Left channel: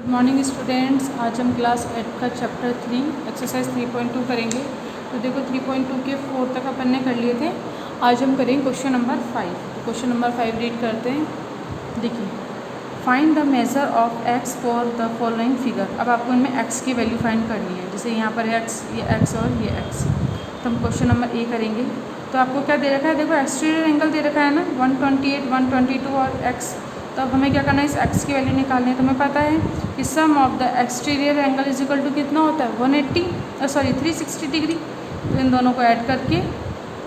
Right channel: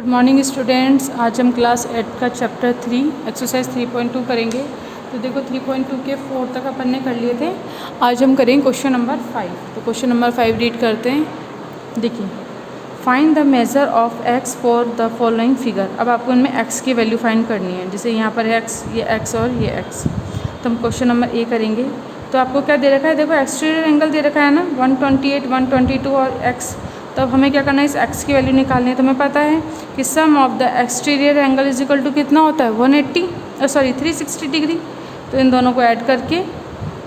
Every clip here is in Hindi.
Good morning students. आज हम क्लास 8 का चैप्टर 3 एक्सरसाइज 3.2 करेंगे। तो देखो 3.2 के 4 तक अपन ने कर लिए थे। आज हम करेंगे क्वेश्चन नंबर 5। तो क्वेश्चन नंबर 5 रीड करते हैं। देखिए, find the measure of x for the following figure. अब आपको इनमें एक्स की वैल्यू फाइंड करनी है। जैसे यहाँ पर एक्स, ये एक्स और ये एक्स। तो हम क्वेश्चन नंबर ए करेंगे। तो आपको क्या दे रखा है, देखो एक्सटीरियर एंगल दे रखा है ना 128, 122 और एक्स। तो अब हमें क्या करना है, इस एक्स की वैल्यू निकालनी है। तो हमें पता है कि sum of the exterior angle is equal to कितना होता है 360 डिग्री। तो इन दोनों को ऐड करके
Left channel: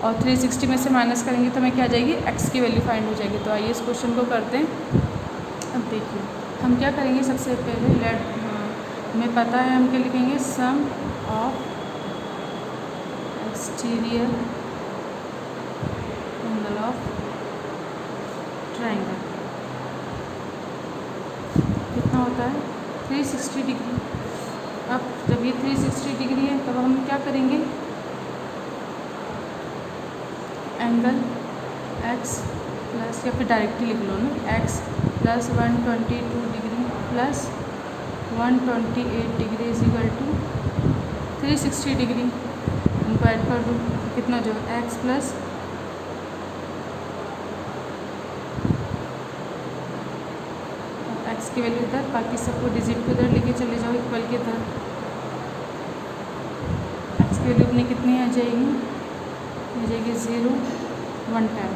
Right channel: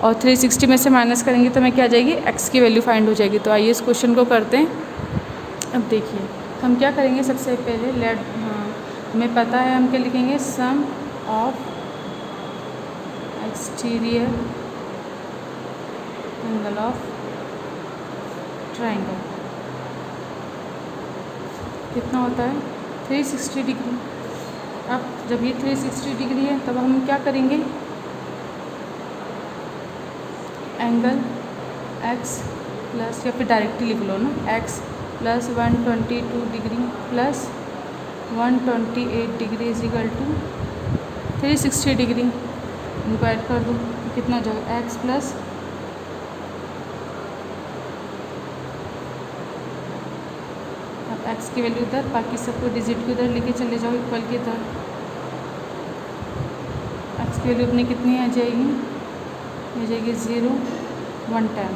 और 360 में से माइनस करेंगे तो हमें क्या आ जाएगी, एक्स की वैल्यू फाइंड हो जाएगी। तो आइए इस क्वेश्चन को करते हैं। अब देखिए हम क्या करेंगे, सबसे पहले हमें पता है हम क्या लिखेंगे, sum of exterior angle of triangle कितना होता है 360 डिग्री। अब जब ये 360 डिग्री है तब हम क्या करेंगे, एंगल एक्स प्लस, या फिर डायरेक्टली लिख लो ना, x plus 122 degree plus 128 degree is equal to 360 degree. इनको ऐड कर दो, कितना जो एक्स प्लस एक्स की वैल्यू इधर, बाकी सबको डिजिट के इधर लेके चले जाओ इक्वल के इधर। एक्स की वैल्यू अपनी कितनी आ जाएगी, 0 1 10।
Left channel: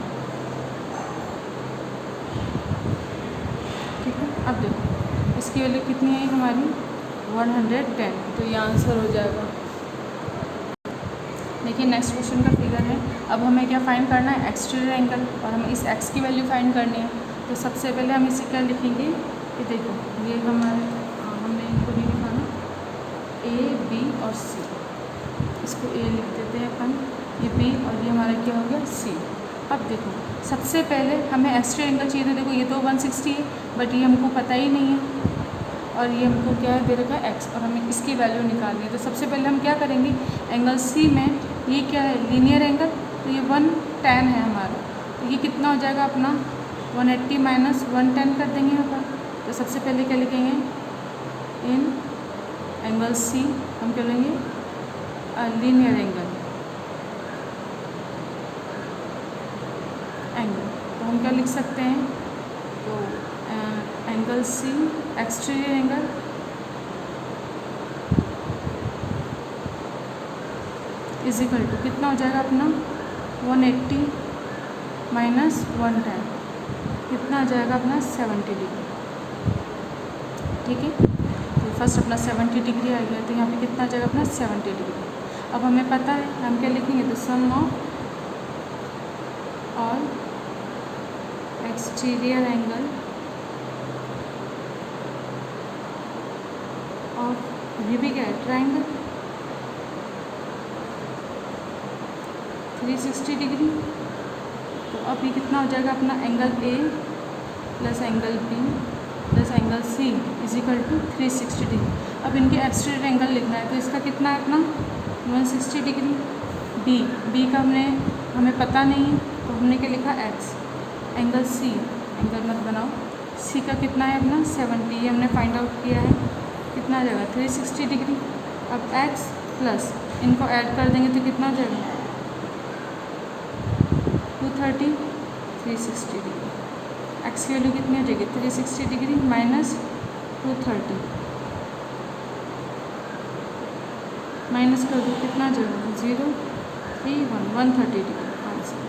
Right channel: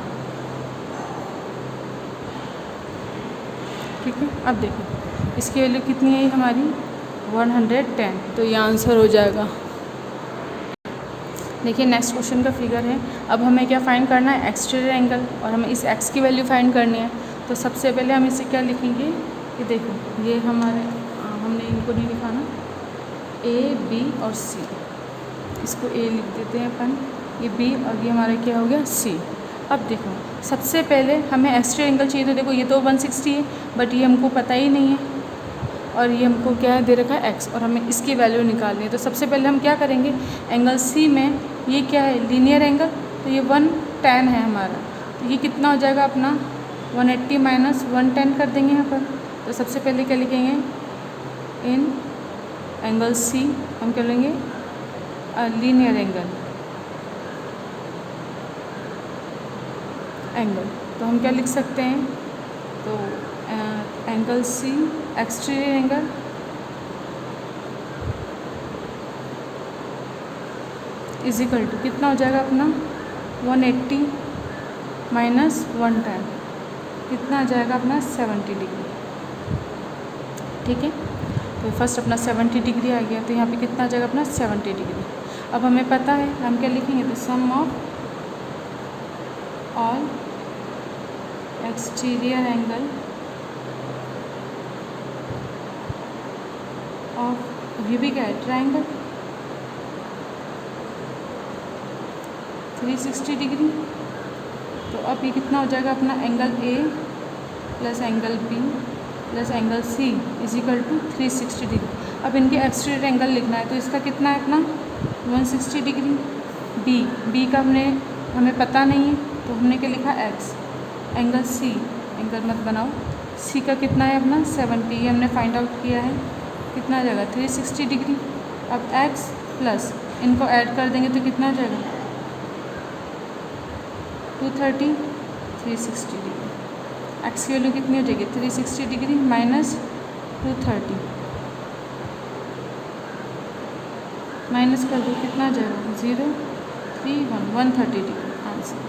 ठीक है, अब देखो इसकी वैल्यू कितनी है हमारी 110। तो ये आंसर हो जाएगा। देखिए नेक्स्ट क्वेश्चन का फिगर है। अब हमें क्या फाइंड करना है, एक्सटीरियर एंगल, और हमें इस एक्स की वैल्यू फाइंड करनी है। तो सबसे पहले हम इसे क्या लिखेंगे, ये देखो ये हमने इनको नहीं लिखा ना, ए बी और सी। इसको ए लिख देते हैं अपन, ये बी और ये हमारा क्या हो गया सी। अब देखो सबसे पहले हमें एक्सटीरियर एंगल चाहिए। तो देखो ये तो 160 है, बट ये हमको पता ही नहीं है, और ये हमको क्या है दे रखा है एक्स, और हमें इसकी वैल्यू निकालनी है। तो सबसे पहले हम क्या करेंगे, एंगल सी में ये क्या है लीनियर एंगल, तो ये 110 है हमारा। तो ये कितना हो जाएगा अपना 180 माइनस 110 कर देंगे यहाँ पर। तो सबसे पहले क्या लिखेंगे, इन एंगल सी हम क्या लेंगे लीनियर एंगल तो हम क्या लिख सकते हैं, तो angle C exterior angle is equal to कितना हो जाएगा अपना 180 माइनस 110, कितना आ जाएगा अपना 70 डिग्री। ठीक है, तो फर्स्ट अपना 70 डिग्री आ गया। तो यहाँ पे कितना आ जाएगा अपना 70 डिग्री। अब हमें पता है हम क्या लिखेंगे, तो सम ऑफ ऑल एक्सटीरियर एंगल और ये भी क्या है ट्रायंगल 360 डिग्री। तो अब ये कितना हो जाएगा अपना angle A plus angle B plus angle C is equal to 360 degree. अब इनके एक्सटीरियर एंगल लिखना है। तो इसका कितना है अपना 160 डिग्री। बी का हमें पता नहीं है, तो हमने क्या लिखा एक्स। एंगल सी, एंगल मत बनाओ, सी का कितना है अपना 70, ये हमने फाइंड आउट किया है। कितना आ जाएगा 360 डिग्री। अब एक्स प्लस इनको ऐड कर देंगे तो कितना आ जाएगा 230, 360 डिग्री। एक्स की वैल्यू कितनी हो जाएगी 360 डिग्री माइनस 230, माइनस कर दो कितना आ जाएगा 0 3 1 130 डिग्री आंसर।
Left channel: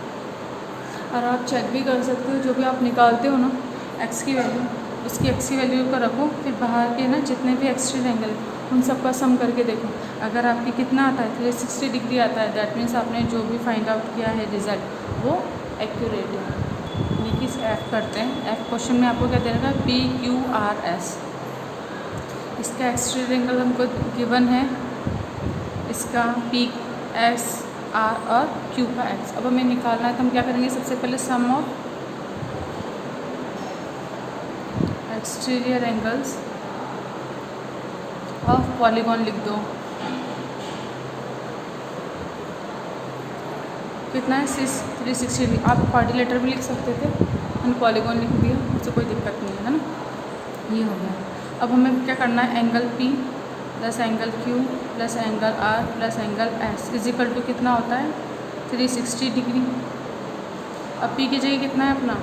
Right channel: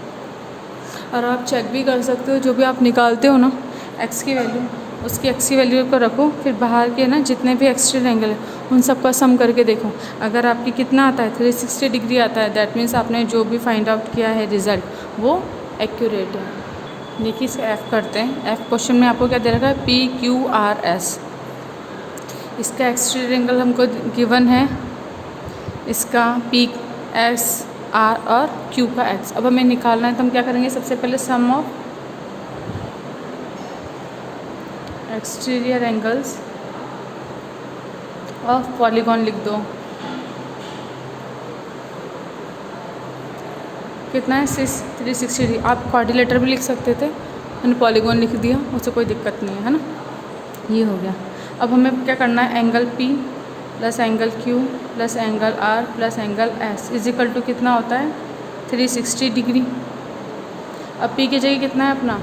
और आप चेक भी कर सकते हो, जो भी आप निकालते हो ना एक्स की वैल्यू, उसकी एक्स की वैल्यू को रखो, फिर बाहर के ना जितने भी एक्सटीरियर एंगल है उन सबका सम करके देखो। अगर आपकी कितना आता है 360 डिग्री आता है, दैट मीन्स आपने जो भी फाइंड आउट किया है रिज़ल्ट वो एक्यूरेट है। देखिए इसे एफ करते हैं। एफ क्वेश्चन में आपको क्या दे रखा है, पी क्यू आर एस। इसका एक्सटीरियर एंगल हमको गिवन है, इसका पी एस आर और क्यू का एक्स। अब हमें निकालना है, तो हम क्या करेंगे, सबसे पहले sum of exterior angles of polygon लिख दो। कितना है 360 डिग्री। आप क्वाड्रिलेटर भी लिख सकते थे, मैंने पॉलीगॉन लिख दिया, उससे कोई दिक्कत नहीं है ना। ये हो गया। अब हमें क्या करना है, angle P plus angle Q plus angle R plus angle S is equal to कितना होता है 360 डिग्री। अब P की जगह कितना है अपना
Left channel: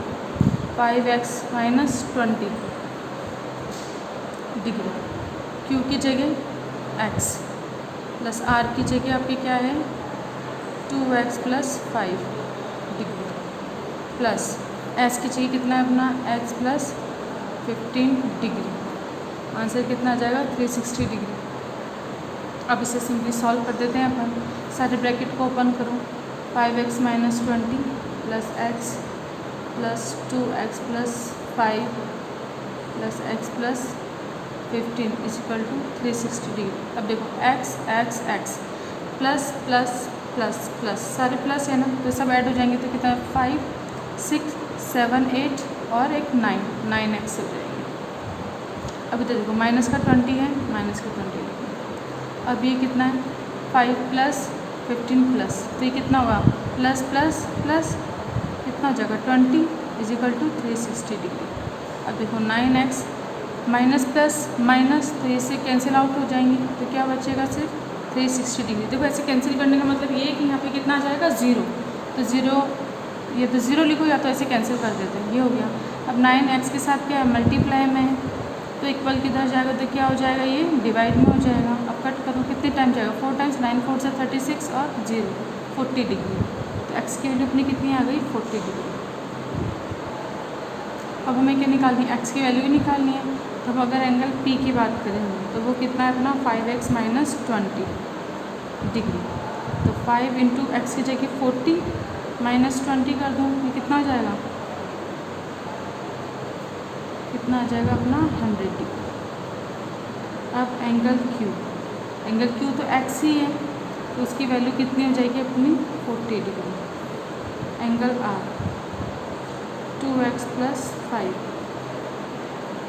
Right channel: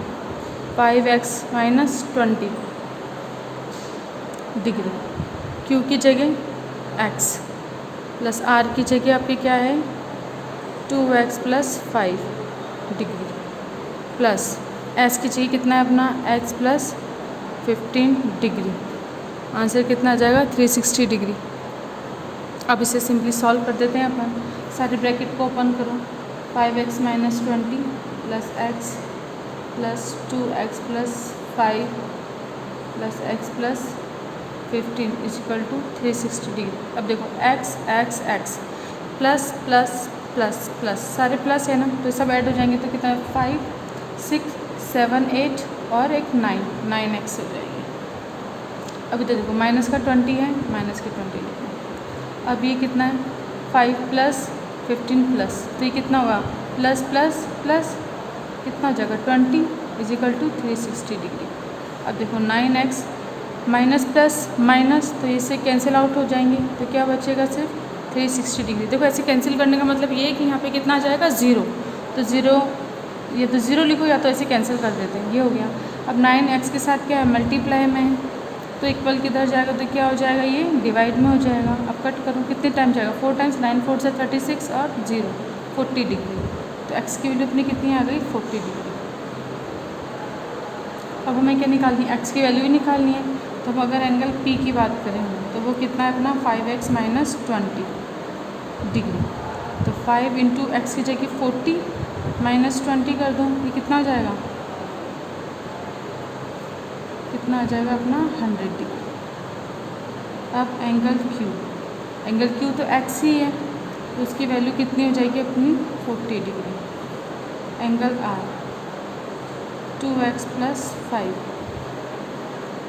5x माइनस 20 डिग्री, Q की जगह x प्लस R की जगह आपकी क्या है 2x plus 5 degree plus S की जगह कितना है अपना x प्लस 15 डिग्री। आंसर कितना आ जाएगा 360 डिग्री। अब इसे सिंपली सॉल्व कर देते हैं अपन। सारे ब्रैकेट को ओपन करो, 5x minus 20 plus x plus 2x plus 5 plus x plus 15 equal to 360 degree. अब देखो x x x plus plus plus plus सारे प्लस है ना, तो सब ऐड हो जाएंगे तो कितना 5 6 7 8 और एक 9x हो जाएगा। अभी तो देखो माइनस का 20 है, माइनस का 20 लिखो। अब ये कितना है 5 प्लस 15 प्लस, तो ये कितना होगा प्लस प्लस प्लस कितना हो जाएगा 20 इजिकल टू 360 डिग्री। अब देखो 9x माइनस प्लस माइनस, तो इससे कैंसिल आउट हो जाएंगे, तो क्या बचेगा सिर्फ 360 डिग्री। देखो ऐसे कैंसिल करने का मतलब ये है कि यहाँ पे कितना आ जाएगा 0, तो 0 ये तो 0 लिखो या तो ऐसे कैंसिल कर देते हैं, ये हो गया। अब 9x के साथ क्या है मल्टीप्लाई में है, तो इक्वल किधर जाएगा तो क्या हो जाएगा ये डिवाइड में हो जाएगा। अब कट करो कितने टाइम जाएगा 4 टाइम्स, 9 4 से 36 और 0 40 डिग्री, तो x की वैल्यू अपनी कितनी आ गई 40 डिग्री। अब हमें क्या निकालनी है x की वैल्यू निकालनी है। तो अब अगर एंगल P की बात करेंगे तो वो कितना है अपना 5x माइनस 20 डिग्री, तो 5 इंटू एक्स की जगह 40 माइनस 20 कर दो, ये कितना आ जाएगा, कितना आ जाएगा अपना 100 डिग्री। अब एंगल Q तो x ही है, तो उसकी वैल्यू कितनी हो जाएगी अपनी 40 degree. Angle R 2x plus 5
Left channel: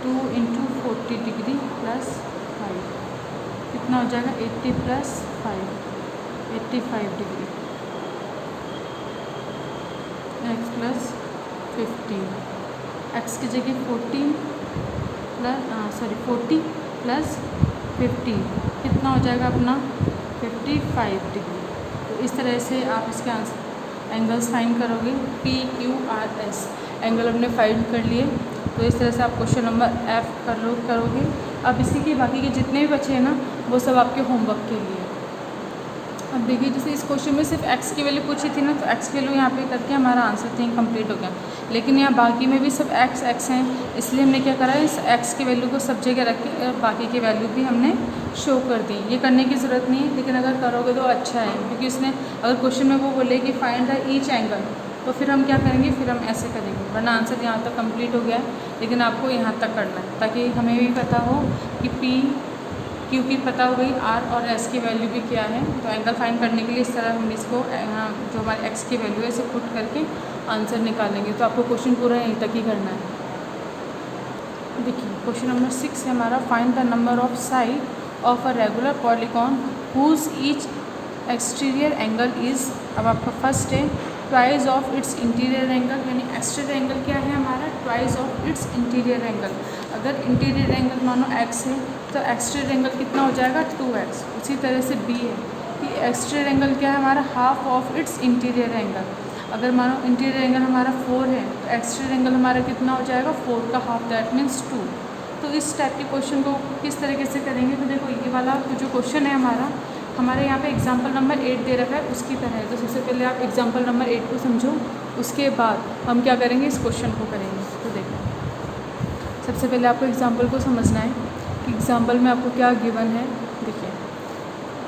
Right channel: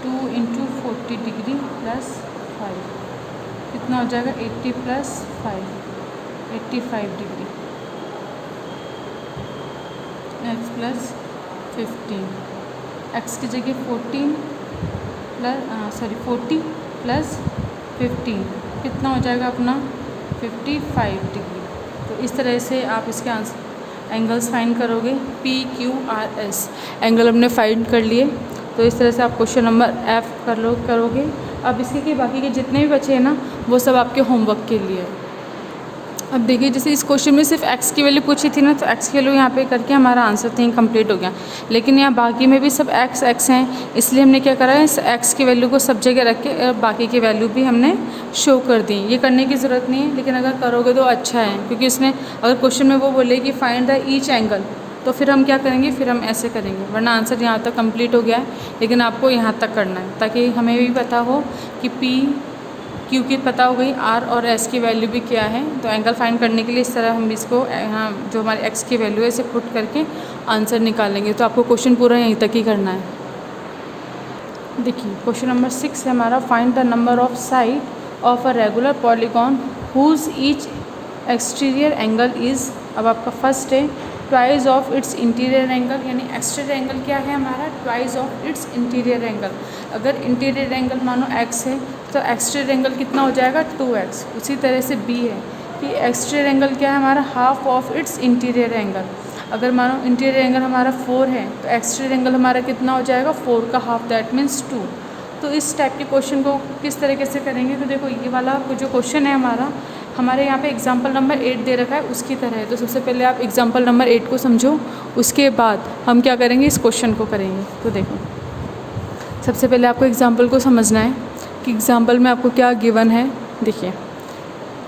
2 into 40 degree plus 5 कितना हो जाएगा 80 plus 5 85 degree. x plus 15 x की जगह 40 प्लस 15 कितना हो जाएगा अपना 55 डिग्री। तो इस तरह से आप इसके आंसर एंगल्स फाइंड करोगे P Q R S, angle हमने फाइंड कर लिए। तो इस तरह से आप क्वेश्चन नंबर F करोगे। अब इसके के बाकी के जितने भी बचे हैं ना वो सब आपके होमवर्क के लिए। अब देखिए जैसे इस क्वेश्चन में सिर्फ x की वैल्यू पूछी थी ना, तो x की वैल्यू यहाँ पे करके हमारा आंसर थिंग कंप्लीट हो गया। लेकिन यहाँ बाकी में भी सब x हैं, इसलिए हमने क्या करा है इस x की वैल्यू को सब जगह रख के और बाकी की वैल्यू भी हमने शो कर दी। ये करने की ज़रूरत नहीं है, लेकिन अगर करोगे तो अच्छा है, क्योंकि इसमें अगर क्वेश्चन में वो बोले कि फाइंड द ईच एंगल, तो फिर हम क्या करेंगे, फिर हम ऐसे करेंगे, वरना आंसर यहाँ तक कंप्लीट हो गया है। लेकिन आपको यहाँ तक करना है ताकि हमें भी पता हो कि P Q की पता हो गई, R और S की वैल्यू भी क्या है। तो एंगल फाइंड करने के लिए इस तरह हम इसको यहाँ जो हमारे x की वैल्यू है इसे पुट करके आंसर निकालेंगे। तो आपको क्वेश्चन पूरा यहीं तक ही करना है। देखिए क्वेश्चन नंबर 6 है हमारा, find the number of side of a regular polygon whose each exterior angle is. अब आपका फर्स्ट है twice of its interior angle, यानी एक्सटीरियर एंगल क्या है हमारा twice of its interior angle. अगर इंटीरियर एंगल मानो x है तो एक्सटीरियर एंगल कितना हो जाएगा 2x। उसी तरह से b है कि एक्सटीरियर एंगल क्या है हमारा half of its interior angle. अगर मानो इंटीरियर एंगल हमारा 4 है तो एक्सटीरियर एंगल हमारा कितना हो जाएगा 4 का हाफ, दैट मीन्स 2। तो इस टाइप के क्वेश्चन को किस तरीके से करेंगे, तो देखो ये वाला जो क्वेश्चन है हमारे यहाँ पे एग्जाम्पल नंबर 8 दे रखा है उसकी तरह है। तो सबसे पहले आप एग्जाम्पल नंबर 8 को समझो, उसके बाद हम क्या करेंगे इस क्वेश्चन को करेंगे। तो देखो सबसे पहले आपको एग्जाम्पल को समझना है कि एग्जाम्पल में आपको क्या गिवन है। देखिए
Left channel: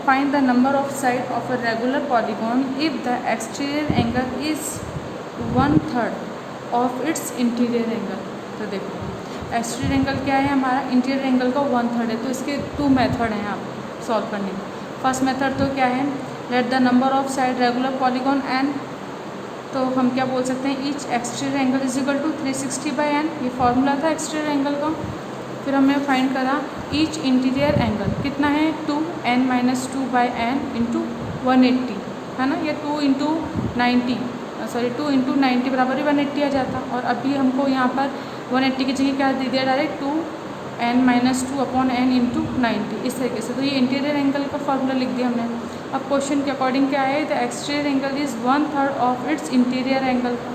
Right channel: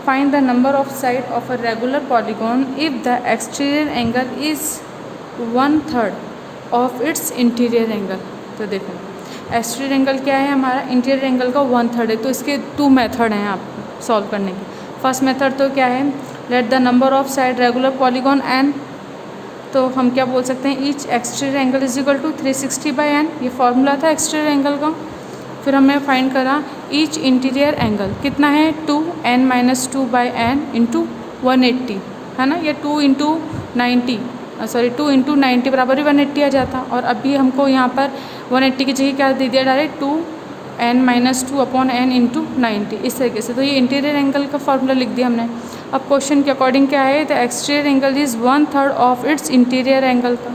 find the number of side of a regular polygon if the exterior angle is 1/3 of its interior angle. तो देखो एक्सटीरियर एंगल क्या है हमारा इंटीरियर एंगल का 1/3 है। तो इसके 2 मेथड हैं आपको सॉल्व करने के। फर्स्ट मेथड तो क्या है, let the number of side regular polygon n, तो हम क्या बोल सकते हैं each exterior angle is equal to 360/n, ये फॉर्मूला था एक्सटीरियर एंगल का। फिर हमने फाइंड करा ईच इंटीरियर एंगल कितना है 2n माइनस 2/n इंटू 180 है ना, या 2 इंटू 90 बराबर ही 180 आ जाता। और अभी हमको यहाँ पर 180 की जगह क्या दे दिया डायरेक्ट 2 n-2/n इंटू 90, इस तरीके से। तो ये इंटीरियर एंगल का फॉर्मूला लिख दिया हमने। अब क्वेश्चन के अकॉर्डिंग क्या है, the exterior angle is 1/3 of its interior angle का।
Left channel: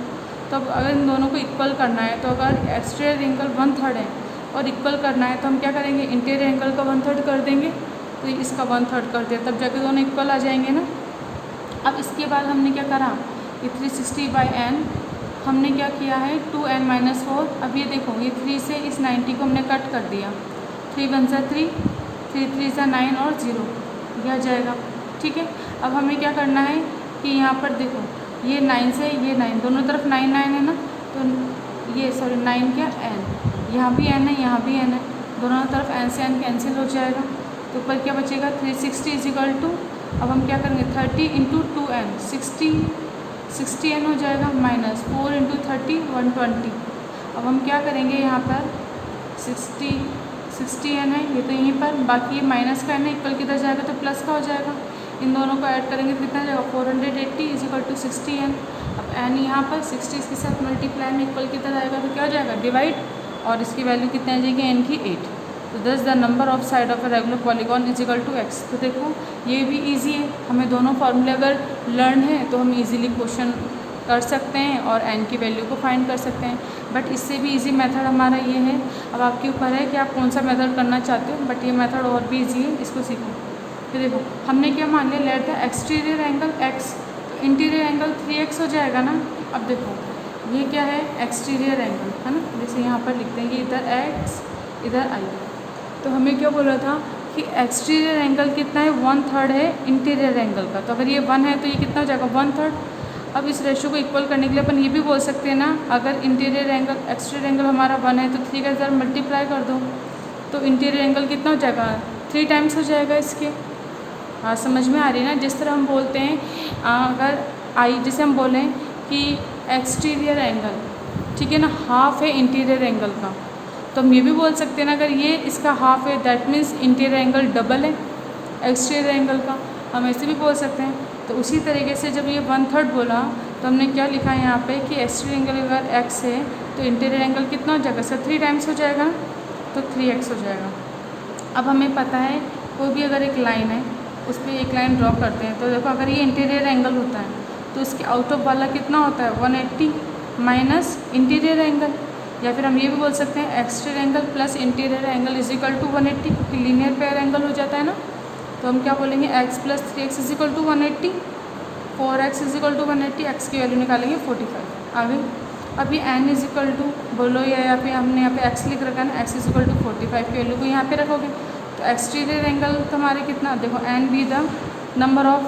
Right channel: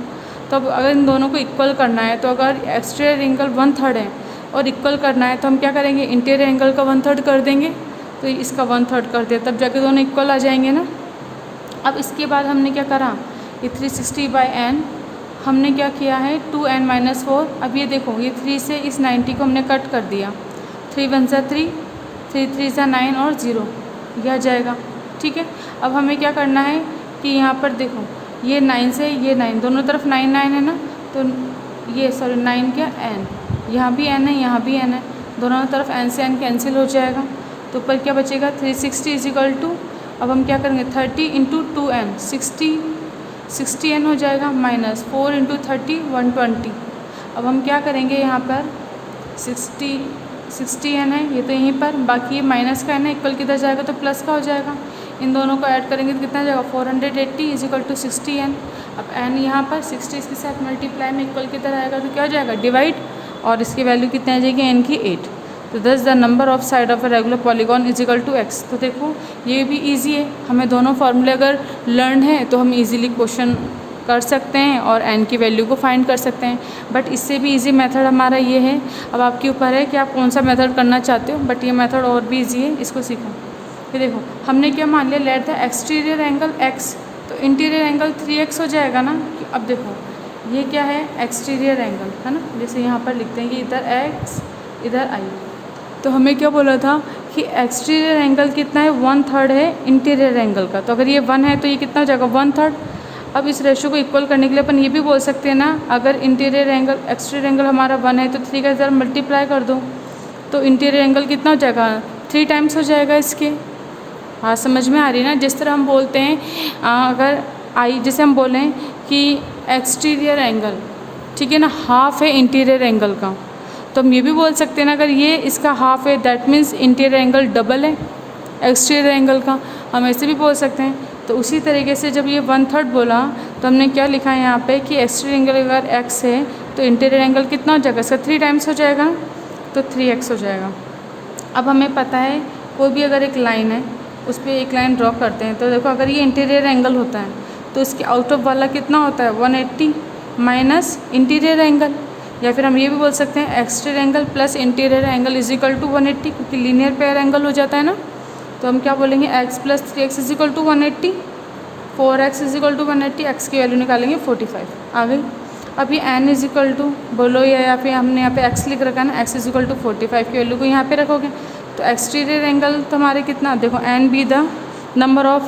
तो अब अगर इन दोनों को इक्वल करना है, तो अगर एक्सटीरियर एंगल 1/3 है और इक्वल करना है, तो हम क्या करेंगे, इंटीरियर एंगल का 1/3 कर देंगे। तो इसका 1/3 कर दिया, तब जाके दोनों इक्वल आ जाएंगे ना। अब इसके बाद हमने क्या करा, ये 360/n हमने क्या किया है 2n-4। अब ये देखो, ये 3 से इस 90 को हमने कट कर दिया, 3 1 सा 3, 3 3 सा 9 और 0, ये आ जाएगा। ठीक है, अब हमें क्या करना है कि यहाँ पर देखो, ये 9 से ये 9, दोनों तरफ 9 9 है ना, तो ये 9 क्या n, यहाँ भी n है, यहाँ भी n है, दोनों तरफ n से n कैंसिल हो जाएगा। तो ऊपर क्या बचेगा 360 = अब हम क्या करेंगे 30 × 2n 60n हो जाएगा, -4 × 30 120। अब हम क्या करेंगे, यहाँ पर 60n है, ये तो यहीं पर, बाकी ये माइनस का n है, इक्वल किधर जाएगा तो प्लस का हो जाएगा। इन दोनों को ऐड करेंगे तो कितना जाएगा 480 = 60n। अब n यहाँ पर 60 इसके साथ मल्टीप्लाई में इक्वल किधर आएगा तो क्या हो जाएगा डिवाइड, और इसकी वैल्यू कितनी आ जाएगी n की 8। तो दस the number of side of a regular polygon = x। तो देखो ये भी इजी है, हमें दोनों फार्मूले अगर लर्न है तो हम इजीली क्वेश्चन कर सकते हैं और n की वैल्यू को फाइंड कर सकते हैं। बट इससे भी इजी मेथड हमारा ये है, अब आपके ऊपर है कि आप कौन सा मेथड करना चाहते हो, बट ये मेथड और भी इजी है, इसको सीखो। फिर देखो हमने क्या मान लिया, let the exterior angle x, तो इंटीरियर एंगल 3x हो जाएगा ना। अब देखो ये क्या है एक्सटीरियर एंगल है ना, जैसे यहाँ पर लिखते हैं कि इधर x इधर i। तो हमें क्या बोला था कि एक्सटीरियर एंगल कितना है 1/3 है इंटीरियर एंगल का। तो अगर ये 1 है तो ये कितना हो जाएगा 1/3। अब इस रेशो को इक्वल करने के लिए अपन ये भी बोल सकते हैं ना, अगर इंटीरियर एंगल एक्सटीरियर एंगल हमारा 1 है तो 3 का इधर मल्टीप्लाई कर दो, तो इंटीरियर एंगल कितना हो जाएगा 3 टाइम्स हो जाएगा इसके। हाँ समझ में आ रही है ना, जिस तरह हम बोलते हैं अगर आई, जैसे हम बोलें कि एक्सटीरियर एंगल ठीक है ना हाफ है इंटीरियर एंगल का, तो हम ये भी बोल सकते हैं ना अगर ये इसका हाफ है that means interior angle double है एक्सटीरियर एंगल का, हम ऐसे भी बोल सकते हैं। तो उसी तरीके से जब ये 1/3 बोला तो हमने क्या लिखा है यहाँ पे कि एक्सटीरियर एंगल अगर x है तो इंटीरियर एंगल कितना हो जाएगा, इसका 3 टाइम्स हो जाएगा ना, तो 3x हो जाएगा। अब हमें पता है कोई भी अगर एक लाइन है उस पर एक लाइन ड्रॉ करते हैं, तो देखो अगर ये इंटीरियर एंगल होता है तो इसके आउट ऑफ वाला कितना होता है 180 माइनस इंटीरियर एंगल, या फिर हम ये भी बोल सकते हैं exterior angle plus interior angle = 180, क्योंकि लीनियर पेयर एंगल हो जाता है ना। तो हम क्या बोलेंगे x + 3x = 180, 4x = 180, x की वैल्यू निकालेंगे 45 आ गई। अब ये n = बोलो या फिर हमने यहाँ पे x लिख रखा है ना, x = 45 की वैल्यू को यहाँ पे रखोगे तो एक्सटीरियर एंगल तुम्हारे कितना, देखो n be the number of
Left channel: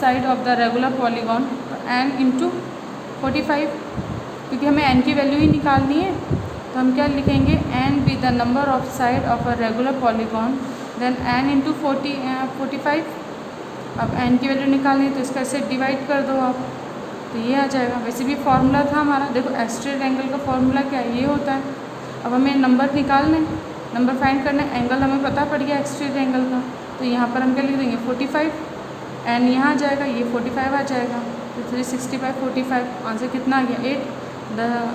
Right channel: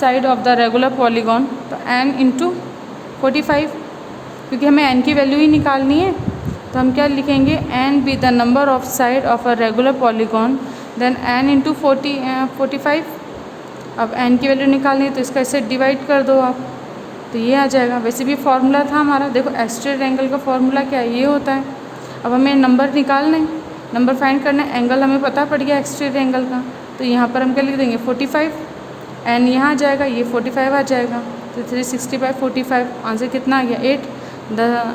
side of the regular polygon, तो n × 45, क्योंकि हमें n की वैल्यू ही निकालनी है। तो हम क्या लिखेंगे n be the number of side of a regular polygon, then n × 45। अब n की वैल्यू निकालनी है तो इसका इससे डिवाइड कर दो आप, तो ये आ जाएगा। वैसे भी फॉर्मूला था हमारा, देखो एक्सटीरियर एंगल का फॉर्मूला क्या है, ये होता है। अब हमें नंबर निकालना है, नंबर फाइंड करना है, एंगल हमें पता पड़ गया एक्सटीरियर एंगल का, तो यहाँ पर हम क्या लिख देंगे 45, n यहाँ आ जाएगा, ये 45 आ जाएगा, तो 360/45 आंसर कितना आ गया 8।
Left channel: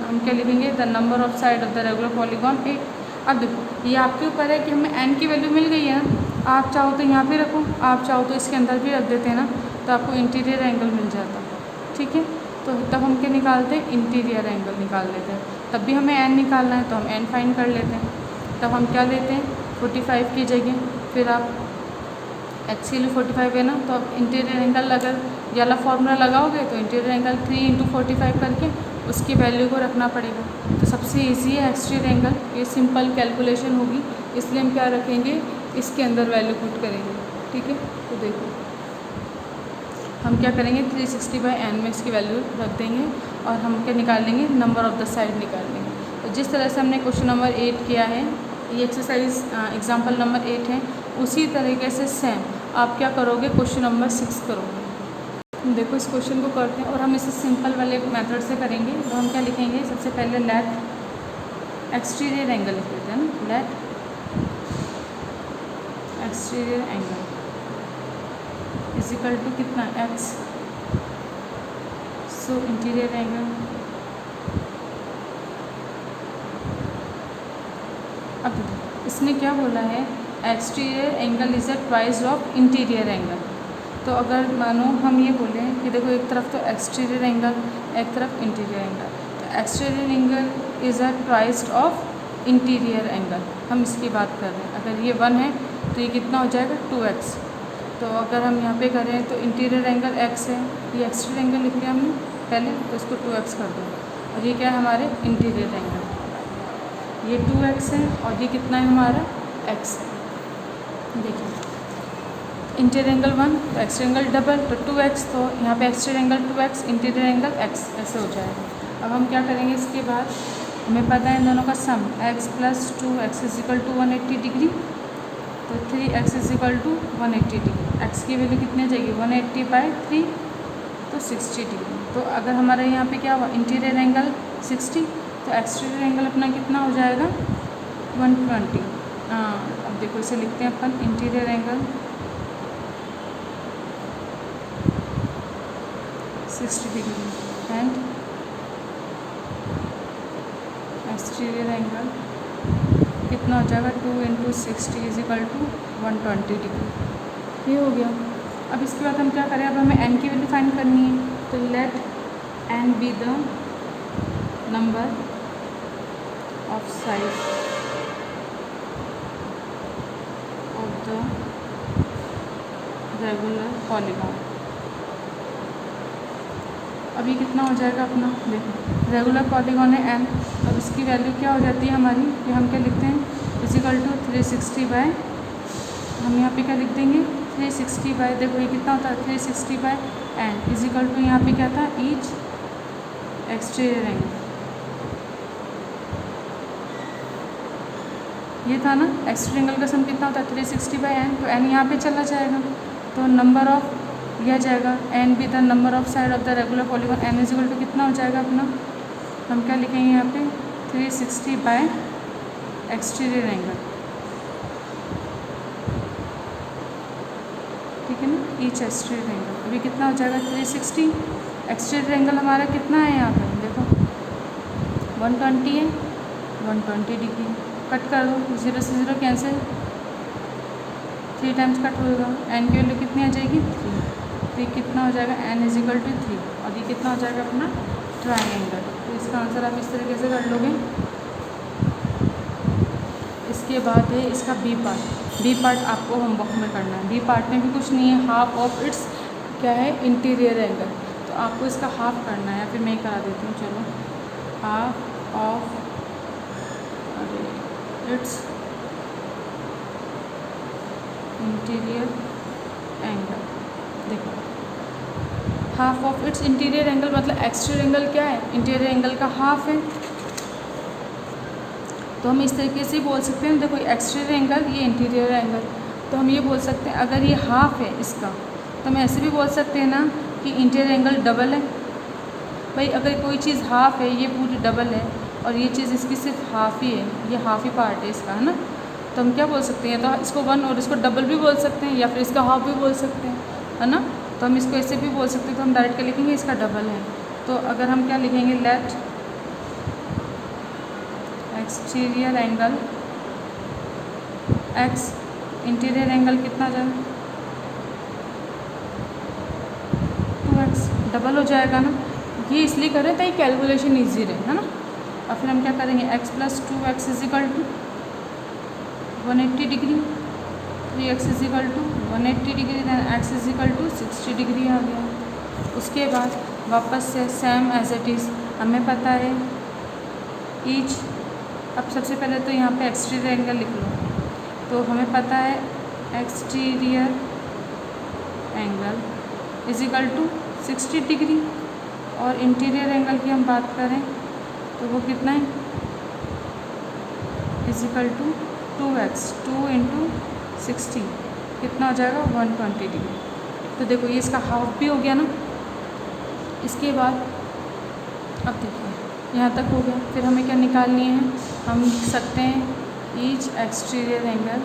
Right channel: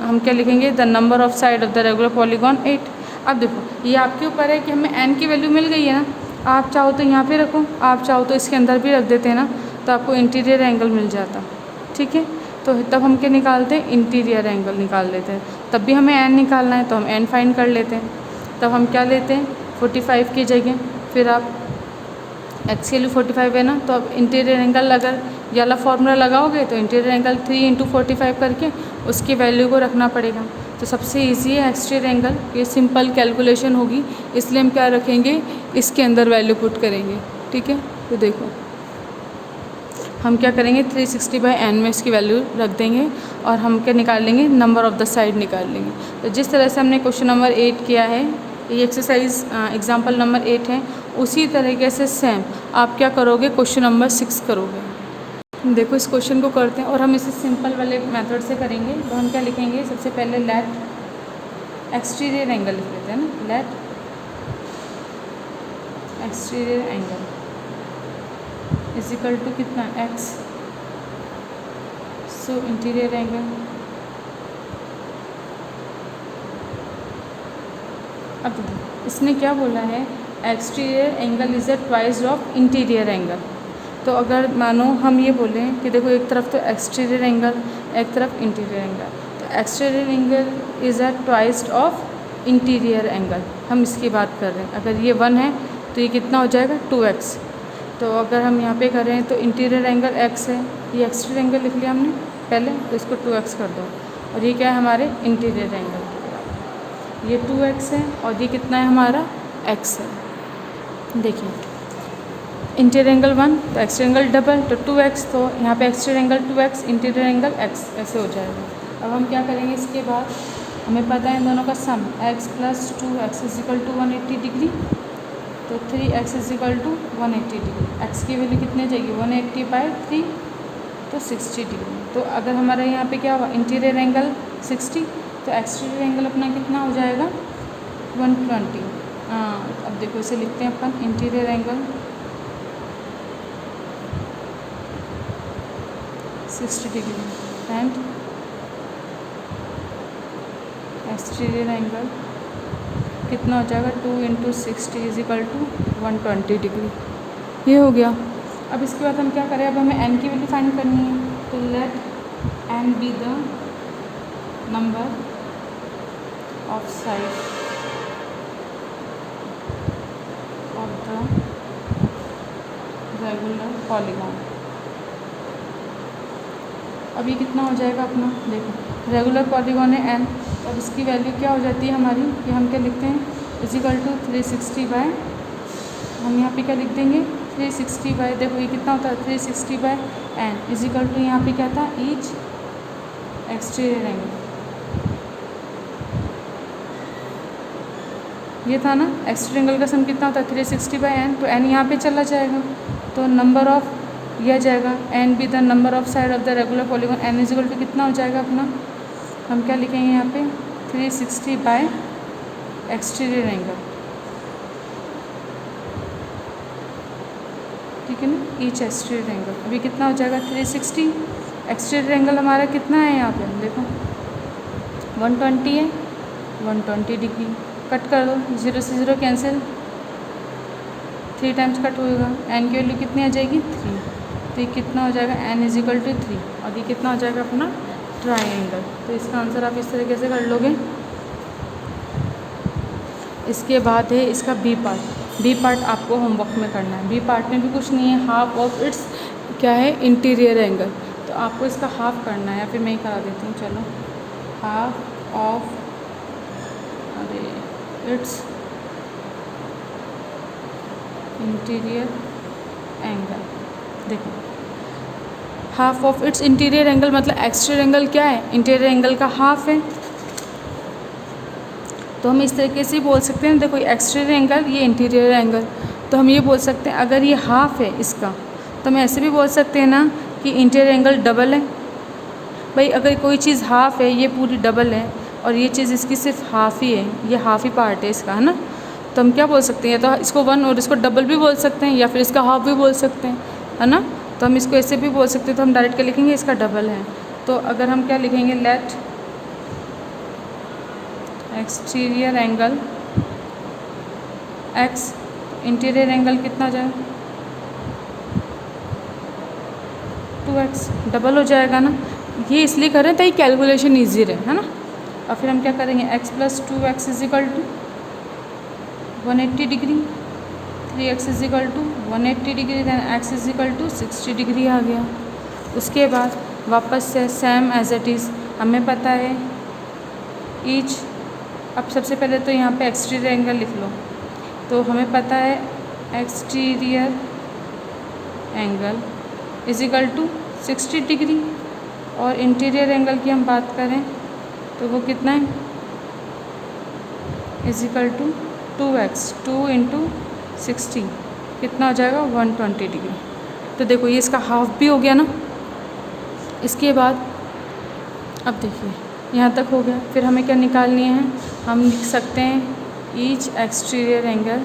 हम क्या लिखेंगे the number of side of the regular polygon 8। अब देखो ये आपके ऊपर है कि हमें n की वैल्यू मिल गई है ना, आप चाहो तो यहाँ पे रखो, आप चाहो तो इसके अंदर भी रख देते हैं ना, तो आपको इंटीरियर एंगल मिल जाता है। ठीक है, तो तब हम क्या निकालते हैं इंटीरियर एंगल निकाल लेते हैं, तब भी हमें n निकालना है तो हम n फाइंड कर लेते हैं। तब हम क्या लेते हैं 45 की जगह, फिर आप x की वैल्यू 45 है ना, तो अब इंटीरियर एंगल अगर ये वाला फॉर्मूला लगाओगे तो इंटीरियर एंगल 3 × 45 करके उसकी वैल्यू को रखना पड़ेगा। तो सबसे इजी है एक्सटीरियर एंगल, ये सिंपल कैलकुलेशन होगी, इसलिए हम क्या रखेंगे इसके अंदर वैल्यू पुट करेंगे। ठीक है, तो देखो हम क्या करेंगे 360/n में इसकी वैल्यू रख देंगे और हम क्या निकाल लेंगे नंबर ऑफ़ द साइड निकाल लेंगे। तो जिस तरह से हमने क्वेश्चन नंबर 8 किया है, ये एक्सरसाइज एग्जाम्पल नंबर 8 है, उसी तरीके से सेम आप क्या करोगे क्वेश्चन नंबर 6 करोगे। देखो इस क्वेश्चन को करते हैं और हम इसे सिंपल वाले मेथड से करेंगे। तो हम क्या लिखेंगे सबसे पहले लेट एक्सटीरियर एंगल लिख देते हैं ना, लेट एक्सटीरियर एंगल = कितना x, सो इंटीरियर एंगल अब देखो इसने क्या बोला है, exterior angle is the twice of interior angle. तो अगर मानो हम ये बोलें कि देखो एक तरफ तो एक्सटीरियर एंगल, एक तरफ इंटीरियर एंगल, तो exterior angle is a twice of interior angle, हम इसकी बात कर रहे हैं। अगर ये 1 है तो ये कितना हो जाएगा 2x। तो अगर हम यहाँ पे करें तो इंटीरियर एंगल x है, ये एक्सटीरियर एंगल लिख लिया हमने पहले, तो इसको 2x कर दो। और ये क्या है हमारे इंटीरियर एंगल, ये 2x है और ये कितना है हमारा x है। देखिए इंटीरियर एंगल 1 तो एक्सटीरियर एंगल डबल तो 2x, तो यहाँ पे exterior angle 2x, interior angle x, ऐसे हो जाएगा। अब हम क्या करेंगे इसके बाद, हमें पता है इन दोनों का सम x + 2x = 180 डिग्री, तो 3x = 180 डिग्री। x की वैल्यू कितनी जाएगी 180/3 तो 60 डिग्री। तो अगर हमारे यहाँ पे क्या हुआ इंटीरियर एंगल 60, तो एक्सटीरियर एंगल अपना कितना हो जाएगा 120। हाँ अब देखो इसे लिखते हैं अपन interior angle 60 degree and exterior angle कितना हो जाएगा 2 × 60 = 120 डिग्री। ये हो गया। अब इसके बाद हम क्या करें, अब हमें n की वैल्यू फाइंड करनी है। तो let n be the number of side of the regular polygon. अभी कितना हो जाएगा अपना, देखो रेगुलर पॉलीगॉन है n, अब इसकी वैल्यू क्या हो जाती है हमारी, कि हम क्या लिखते हैं = 360 हम यहाँ पे क्या लिख देंगे 360 देखो ये कितना होता है 360/n = यहाँ पे क्या था ईच एक्सटीरियर एंगल, ये था ना एक्सटीरियर एंगल का सम कितना होता है 360/n, तो n यहाँ पे चला जाएगा, तो नंबर ऑफ यह जाएगा n be the number of side of the regular polygon, n = कितना हो जाएगा अपना, हम क्या लिखेंगे यहाँ पे 360 एक्सटीरियर एंगल, ठीक है ना, ईच एक्सटीरियर एंगल। अभी कितना हो जाएगा 360, एक्सटीरियर एंगल हमारा कितना है यहाँ पे देखो 120 है, 120 डिग्री। कट कर दो, 0 से 0 कैंसिल, 3 टाइम्स कट होएगा, n की वैल्यू कितनी आ जाएगी 3, तो ये कितना हो जाएगा n = 3, और ये कितना हो जाएगा अपना ट्रायंगल। तो इसका आंसर आप इस तरीके से कर लोगे। इसके बाद है इसका बी पार्ट आपको होमवर्क में करना है। बी पार्ट में भी कुछ नहीं है, हाफ ऑफ इट्स क्या है इंटीरियर एंगल, तो आपको इसका हाफ करना है, फिर मैं करा देती हूँ, चलो half of its interior angle. देखो half of its interior angle मतलब एक्सटीरियर एंगल क्या है इंटीरियर एंगल का हाफ है, तो हम इस तरीके से बोल सकते हैं। देखो एक्सटीरियर एंगल ये इंटीरियर एंगल, तो हम ये बोल सकते हैं अगर ये हाफ है इसका, तो हम ऐसे भी बोल सकते हैं ना कि इंटीरियर एंगल डबल है। भाई अगर कोई चीज़ हाफ है ये पूरी डबल है, और ये चीज़ इसकी सिर्फ हाफ ही है, ये हाफ ही पार्ट है इसका, है ना, तो हम क्या बोल सकते हैं, तो इसको 1 और इसको डबल भी बोल सकते हैं, या फिर इसका हाफ भी बोल सकते हैं, है ना। तो हम इसको ऐसे भी बोल सकते हैं, तो हम डायरेक्ट क्या लिखेंगे इसका डबल है। तो अगर हम क्या लिखेंगे let exterior angle x, interior angle कितना जाए 2x, डबल हो जाएगा ना। ये इसलिए कर रहे हैं ताकि कैलकुलेशन ईजी रहे, है ना। और फिर हम क्या करेंगे x + 2x = 180 degree, 3x = 180 degree, then x = 60 degree आ गया। उसके बाद वापस से सेम एज इट इज़ हमें पता है ईच, अब सबसे पहले तो यहाँ पे एक्सटीरियर एंगल लिख लो, तो हमें पता है एक्सटीरियर एंगल = 60 डिग्री, और इंटीरियर एंगल की हम बात करें तो वो कितना है = 2x, 2 × 60 कितना हो जाएगा 120 डिग्री। तो देखो ये इसका हाफ भी हो गया ना। इसके बाद अब देखिए यहाँ तक हो गया, फिर हमें क्या निकालनी है, हम लिख सकते हैं ईच एक्सटीरियर एंगल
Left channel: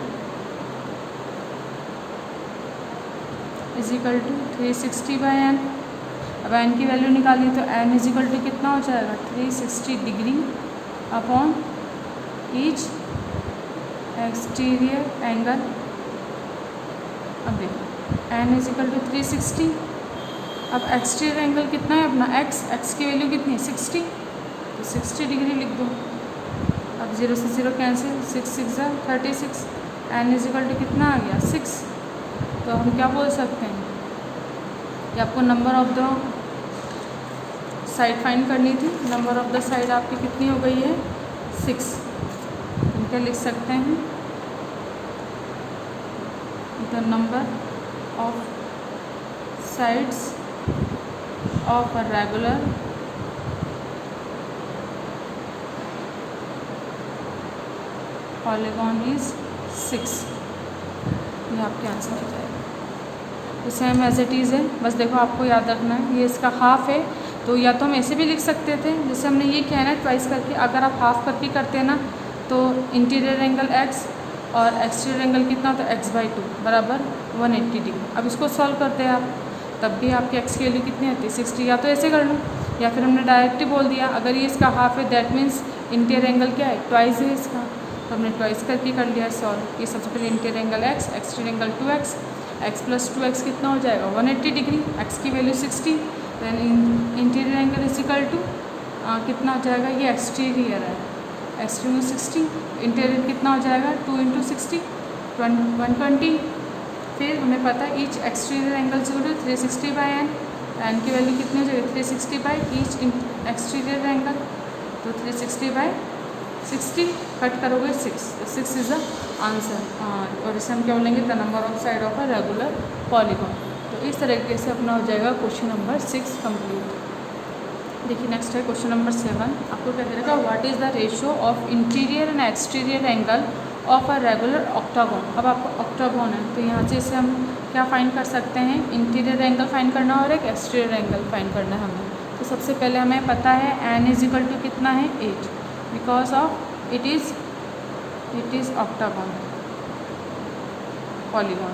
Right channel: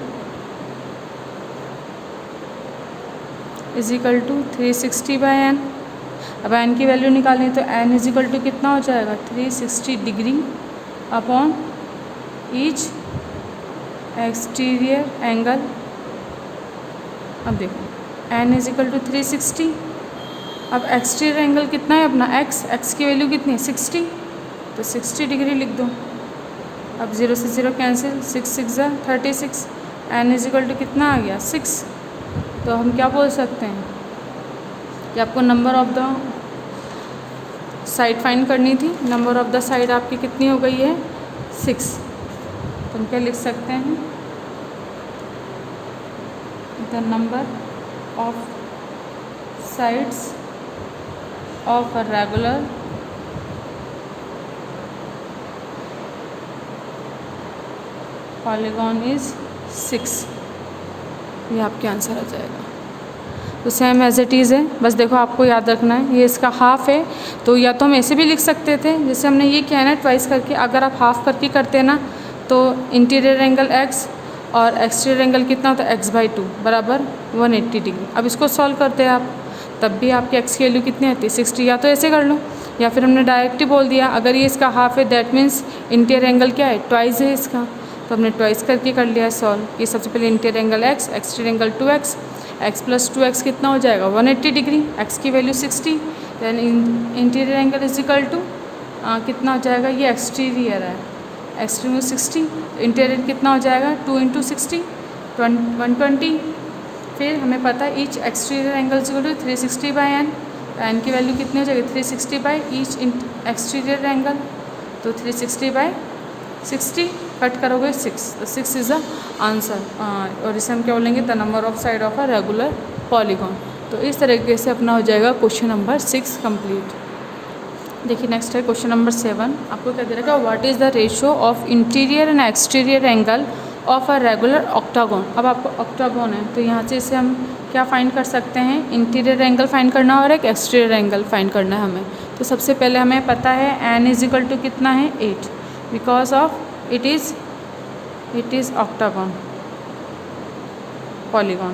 = 360/n। अब n की वैल्यू निकालनी है, तो n = कितना हो जाएगा 360 degree upon each exterior angle, अब देखो n इज इक्वल टू 360। अब एक्सटीरियर एंगल कितना है अपना x की वैल्यू कितनी है 60, तो 60 डिग्री लिख दो। अब 0 से 0 cancel, 6 6 36, n is equal to कितना आ गया 6। तो हम क्या बोल सकते हैं कि आपको number of the side find करनी थी। नंबर ऑफ द साइड आपकी कितनी हो गई है 6। तो हम क्या लिख सकते हैं, the number of sides of a regular polygon is 6। ये आपके आंसर आ जाएगा। तो सेम एज इट इज़ है, बस देखो आपको याद रखना है ये इसका हाफ है। तो या तो हम ऐसे भी लिख सकते थे जैसे हमने ये किया ना ट्वाइस करके, अगर आप हाफ करके करते ना तो इंटीरियर एंगल x और एक्सटीरियर एंगल कितना होता है x/2 बराबर 180 डिग्री। अब इसको सॉल्व करते हैं आप, तब भी आपकी x की वैल्यू कितनी आती है 60। या तो ऐसे कर लो, या फिर हमने डायरेक्ट ही बोल दिया अगर ये इसका हाफ है दैट मीन्स इंटीरियर एंगल क्या है ट्वाइस है इसका। तो हमने ट्वाइस करके कर लिया है सॉल्व। ये सबसे पहले interior angle x, exterior angle 2x, x + 2x कितना हो जाएगा 180 डिग्री, x की value 60। Then interior angle is equal to कितना हो जाएगा, ये एक्सटीरियर है, एक्सटीरियर 60, इंटीरियर कितना हो जाएगा 2 × 60 120। फिर हमें पता है each exterior angle is equal to 360/n, n की वैल्यू कितनी हो जाएगी 360/ईच एक्सटीरियर एंगल, तो 360/60 कट करोगे 6, तो 6 इज़ द आंसर। और इसे हम क्या बोलेंगे the number of side of a regular polygon. तो इस तरीके से अपना हो जाएगा क्वेश्चन नंबर 6 कंप्लीट। देखिए नेक्स्ट है क्वेश्चन नंबर 7। आपको क्या दे रखा है, what is the ratio of interior and exterior angle of a regular octagon. अब आपको ऑक्टागोन है तो यहाँ से इसे हम क्या फाइंड कर सकते हैं, इंटीरियर एंगल फाइंड करना और एक एक्सटीरियर एंगल फाइंड करना है हमें। तो सबसे पहले हमें पता है n इज इक्वल टू कितना है 8, because of it is octagon polygon.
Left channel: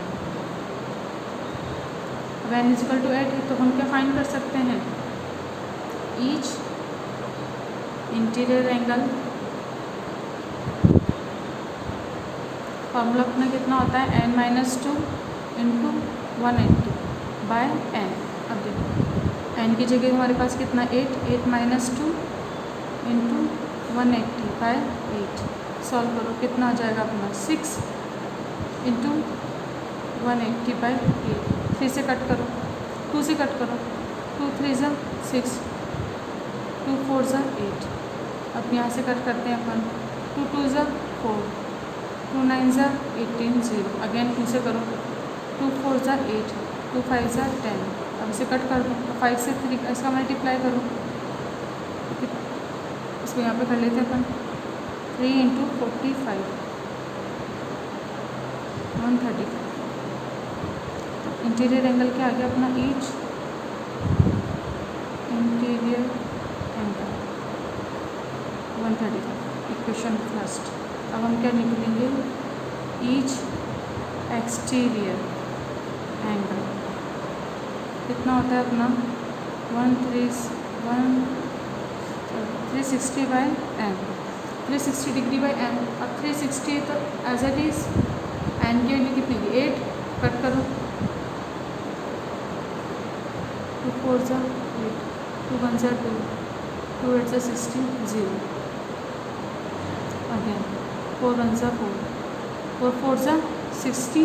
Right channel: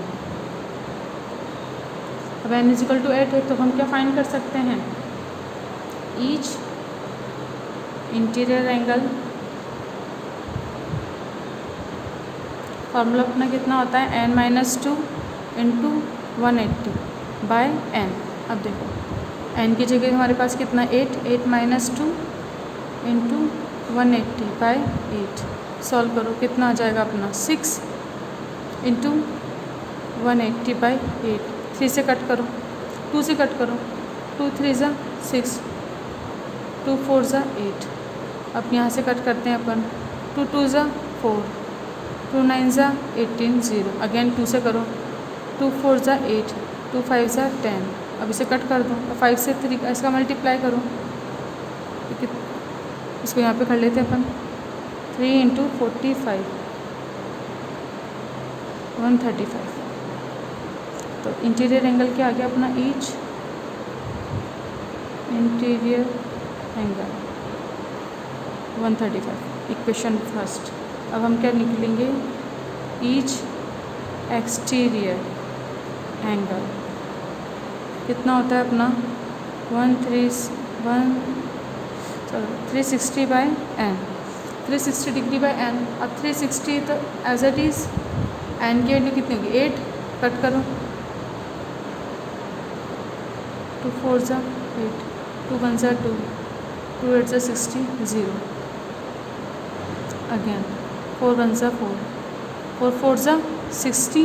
अब n इज इक्वल टू 8 है तो हम क्या फाइंड कर सकते हैं, ईच इंटीरियर एंगल, फॉर्मूला अपना कितना होता है n - 2 × 180/n। अब देखो n की जगह हमारे पास कितना 8 - 2 × 180/8। सॉल्व करो कितना आ जाएगा अपना 6 × 180/8। 3 से कट करो, 2 से कट करो, 2 3 = 6, 2 4 = 8। अब यहाँ से कट करते हैं अपन, 2 2 = 4, 2 9 = 18 0। अगेन 2 से करो, 2 4 = 8, 2 5 = 10। अब इसे कट कर दो और 5 से 3 का इसका मल्टीप्लाई करो, इसको यहाँ पे कर लेते हैं अपन 3 × 45 135। तो इंटीरियर एंगल क्या आ गया अपना, each interior angle 135। Equation first. अब हम क्या निकलेंगे, ईच एक्सटीरियर एंगल कितना होता है अपना 360/n, 360 डिग्री/n। अब 360 तो एज इट इज़ n की वैल्यू कितनी होगी 8, कट करो, 2 4 = 8, 2 1 = 2, 2 8 = 60 0। अगेन 4 1 = 4, 4 4 = 60,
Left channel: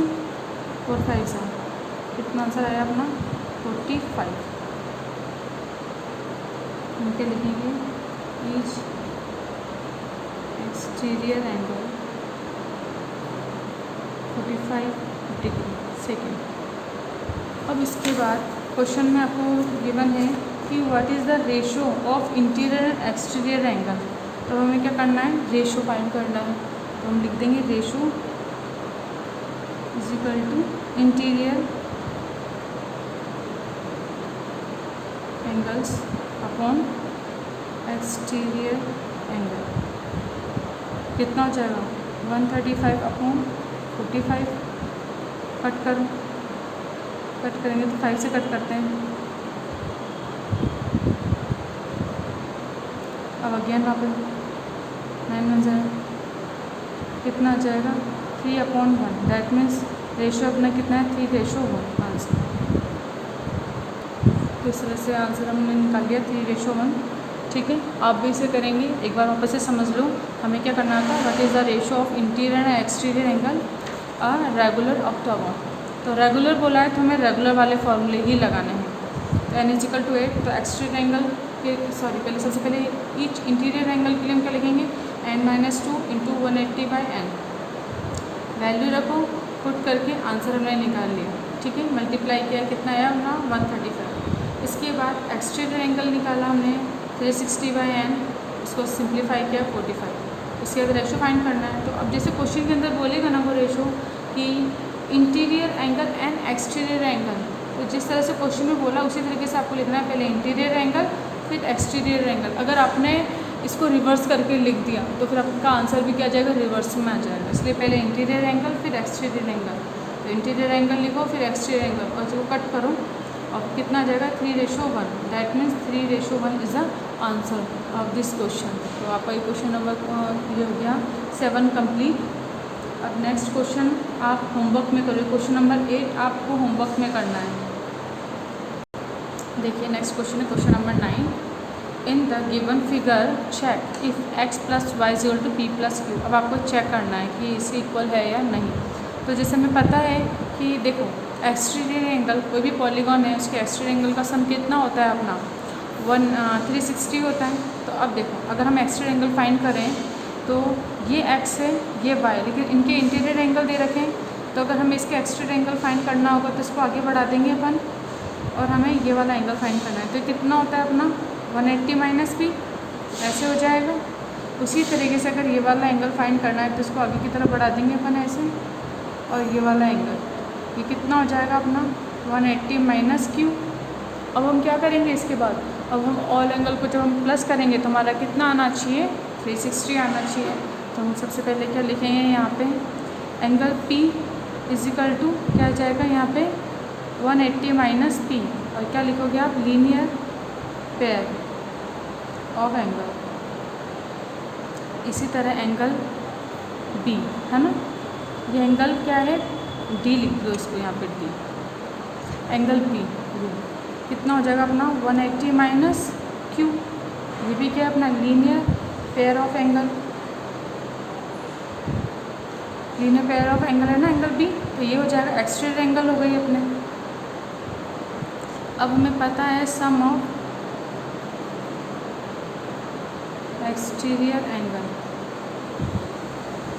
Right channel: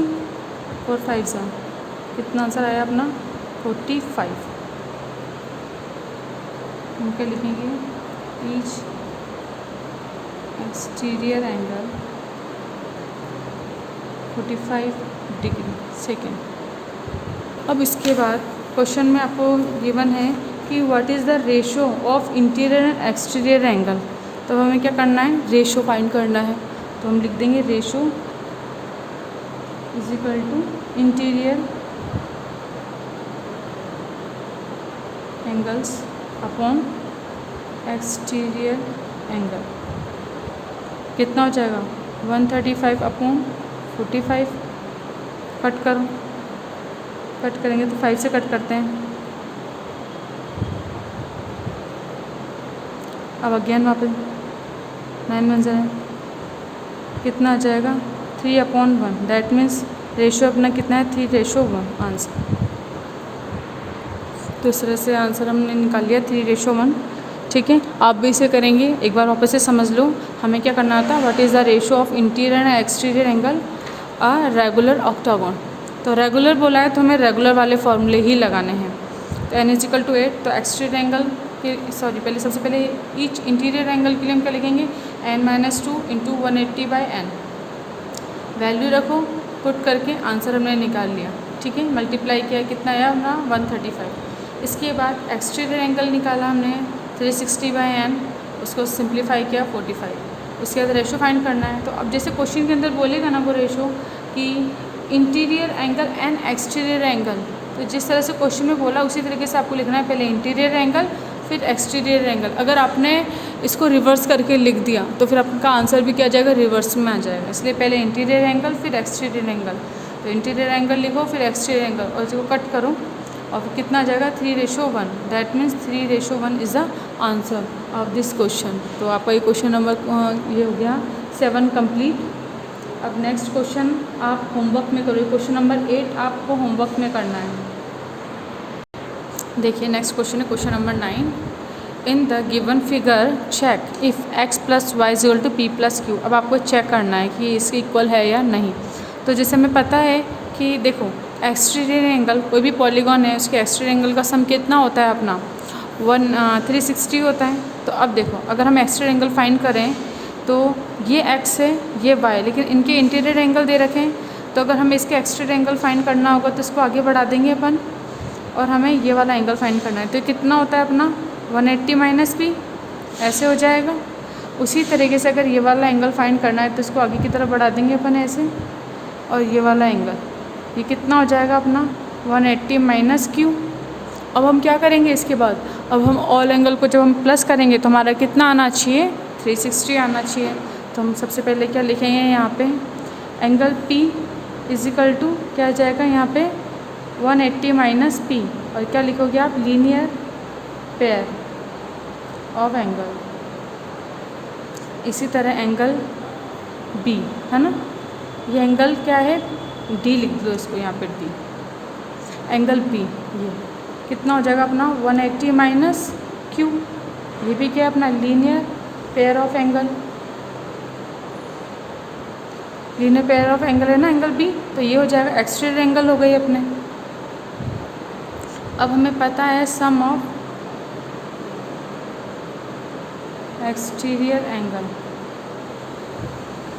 4 5 = कितना आंसर आया अपना 45। हम क्या लिखेंगे, each exterior angle 45 degree second. अब इसके बाद क्वेश्चन में आपको गिवन है कि what is the ratio of interior and exterior angle. तो हमें क्या करना है, रेशो फाइंड करना है। तो हम लिख देंगे ratio is equal to interior angles upon exterior angle. कितना हो जाएगा 135/45। कट करो, कट करेंगे तो 5 से कट करते हैं। अब अगेन वहाँ पे 9 1 = कितना आ जाएगा 3/1। दैट मीन्स रेशो अपना कितना है 3:1 आंसर। तो इस तरह से आंसर हमने निकाल लिया 3:1। ठीक है, आप भी इसे करेंगे। एक बार वापस से समझ लो हमें क्या करना था। What is the ratio of interior and exterior angle a regular octagon. तो रेगुलर बोला है तो हमें रेगुलर वाले फॉर्मूले ही लगाने हैं। तो n=8। तो एक्सटीरियर एंगल के पहले सबसे पहले ईच इंटीरियर एंगल के लिए हम क्या लिखेंगे n-2 × 180/n। वैल्यू रखो, पुट करके आंसर हमने निकाल लिया। ठीक है, मल्टीप्लाई किया, कितना आया हमारा 135। इसके बाद एक्सटीरियर एंगल निकाला हमने 360/n, उसको सिंप्लीफाई किया 45। उसके बाद रेशो फाइंड करना है। तो अब जैसे क्वेश्चन के अंदर बोलेगा ना वो रेशो कि interior angle and exterior angle, तो जिस तरह से क्वेश्चन में बोला उसी तरीके से आपको लिखना है। पहले इंटीरियर एंगल फिर एक्सटीरियर एंगल। अगर आपने इसको रिवर्स करके लिख दिया तो फिर आपका आंसर भी क्या आ जाएगा, रिवर्स में आ जाएगा। इसलिए पहले इंटीरियर एंगल फिर एक्सटीरियर एंगल। तो इंटीरियर एंगल लिखो फिर एक्सटीरियर एंगल और इसको कट करो और कितना आ जाएगा 3:1। That means 3:1 is the answer of this question. तो आपका ये क्वेश्चन नंबर ये हो गया 7 कंप्लीट। अब नेक्स्ट क्वेश्चन आप होमवर्क में करो। क्वेश्चन नंबर 8 आपको होमवर्क में करना है। देखिए नेक्स्ट क्वेश्चन है question number 9। In the given figure check if x + y = p + q। अब आपको चेक करना है कि इसके इक्वल है या नहीं। तो जैसे हमें पता है कि देखो एक्सटीरियर एंगल, कोई भी पॉलीगॉन है उसके एक्सटीरियर एंगल का सम कितना होता है अपना 360 होता है। तो अब देखो अगर हम एक्सटीरियर एंगल फाइंड करें तो ये x है ये y, लेकिन इनके इंटीरियर एंगल दे रखे हैं। तो अगर हमें इसके एक्सटीरियर एंगल फाइंड करना होगा तो इसको आगे बढ़ा देंगे अपन और हमें ये वाला एंगल फाइंड करना है। तो कितना होता है अपना 180 - p, ऐसे हो जाएगा। उसी तरीके से अगर ये वाला एंगल फाइंड करना है तो इसको आगे की तरफ बढ़ा देंगे अपन ऐसे, और ये वाला एंगल ये कितना हो जाएगा अपना 180 - q। अब हम क्या करेंगे इसके बाद, अब हम ऑल एंगल को जब हम प्लस करेंगे तो हमारा कितना आना चाहिए 360 आना चाहिए। तो हम सबसे पहले क्या लिखेंगे यहाँ पे एंगल P = क्या आ जाएगा यहाँ पे 180 - p, और क्या लिखोगे आप लीनियर पेयर ऑफ एंगल। इसी तरह एंगल B है ना, ये एंगल क्या है D, लिख दो इसको यहाँ पे D। एंगल B ये कितना हो जाएगा अपना 180 - q। ये भी क्या है अपना linear pair of angle, linear pair of angle है ना एंगल B। तो ये हो जाएगा एक्सटीरियर एंगल हो गई अपने। अब हमें पता है sum of exterior angle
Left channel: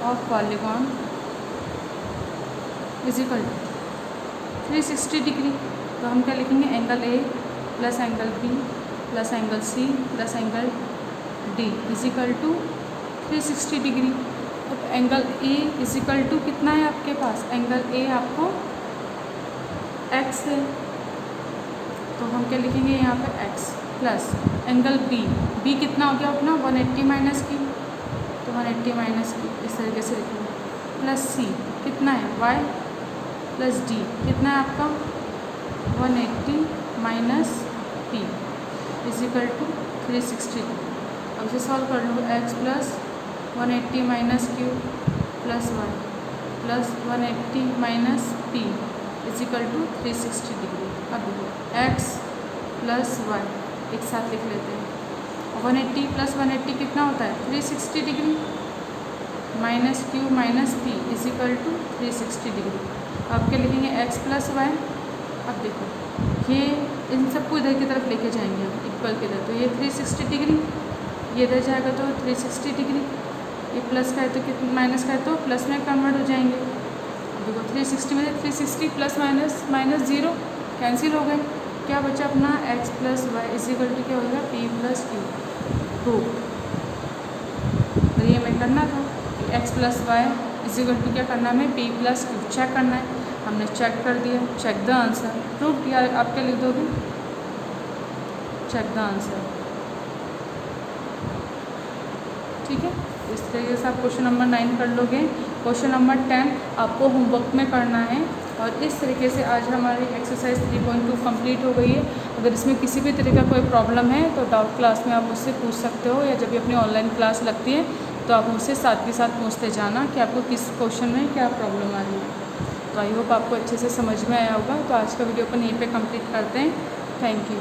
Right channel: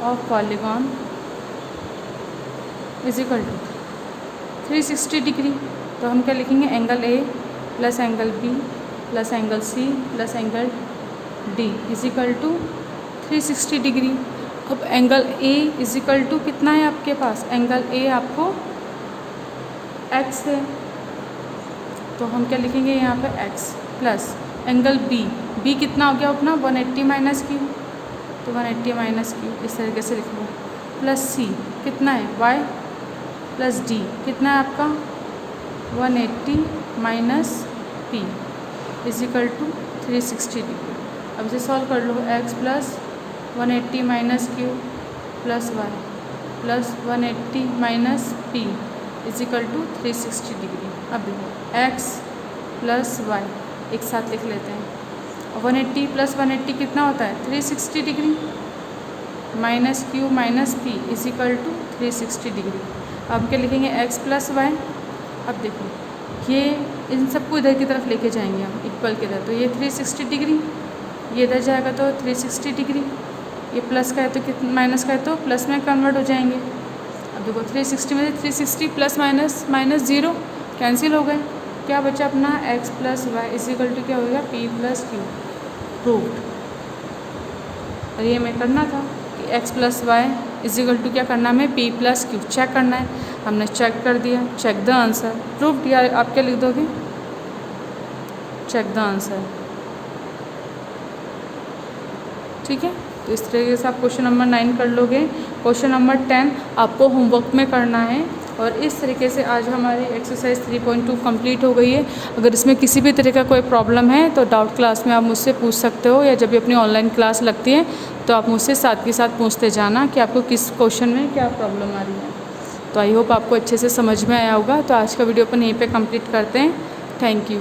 of polygon = 360 degree. तो हम क्या लिखेंगे angle A + angle B + angle C + angle D = 360 degree. अब एंगल A = कितना है आपके पास, एंगल A आपको x है तो हम क्या लिखेंगे यहाँ पे x प्लस एंगल B कितना हो गया अपना 180 - q। तो 180 - q इस तरीके से लिख लो, प्लस C कितना है y प्लस D कितना है आपका 180 - p = 360 डिग्री। अब इसे सॉल्व कर लो, x plus 180 - q plus y plus 180 - p = 360 degree. अब देखो x प्लस y एक साथ लिख लेते हैं। 180 + 180 कितना होता है 360 degree, minus q minus p = 360 degree. अब क्या लिखेंगे x प्लस y। अब देखो ये इन सबको इधर की तरफ लेके जाएंगे हम इक्वल की तरफ। तो ये 360 डिग्री, ये इधर जाएगा तो 360 डिग्री, ये प्लस का है तो कितना माइनस का है तो प्लस में कन्वर्ट हो जाएंगे। अब देखो 360 में 360 प्लस माइनस माइनस 0 कैंसिल हो गए। क्या बचा अपना x प्लस वाई = क्या होगा p + q। प्रूव। ये हमें करना था कि x प्लस वाई = क्या करना है हमें p + q चेक करना है। हमने चेक कर दिया, चेक द आंसर। प्रूव या आप क्या लिख दोगे चेक द आंसर। ठीक है, तो इस तरीके से आप क्वेश्चन नंबर 9 कर लोगे। क्वेश्चन नंबर 10 आपको होमवर्क में करना है। और इस तरीके से आज हमारी एक्सरसाइज 3.2 कंप्लीट हो गई है। अगर इसमें किसी भी तरह का कोई प्रॉब्लम है तो डाउट क्लास में आप मुझसे पूछ सकते हो, या जब भी अपनी ऑनलाइन क्लास लगती है तो आप मुझसे साथ के साथ पूछते जाना कि आपको किस क्वेश्चन में क्या प्रॉब्लम आ रही है। तो आई होप आपको अच्छे से समझ में आया होगा। तो आज का वीडियो अपन यहीं पे कंप्लीट करते हैं। Thank you.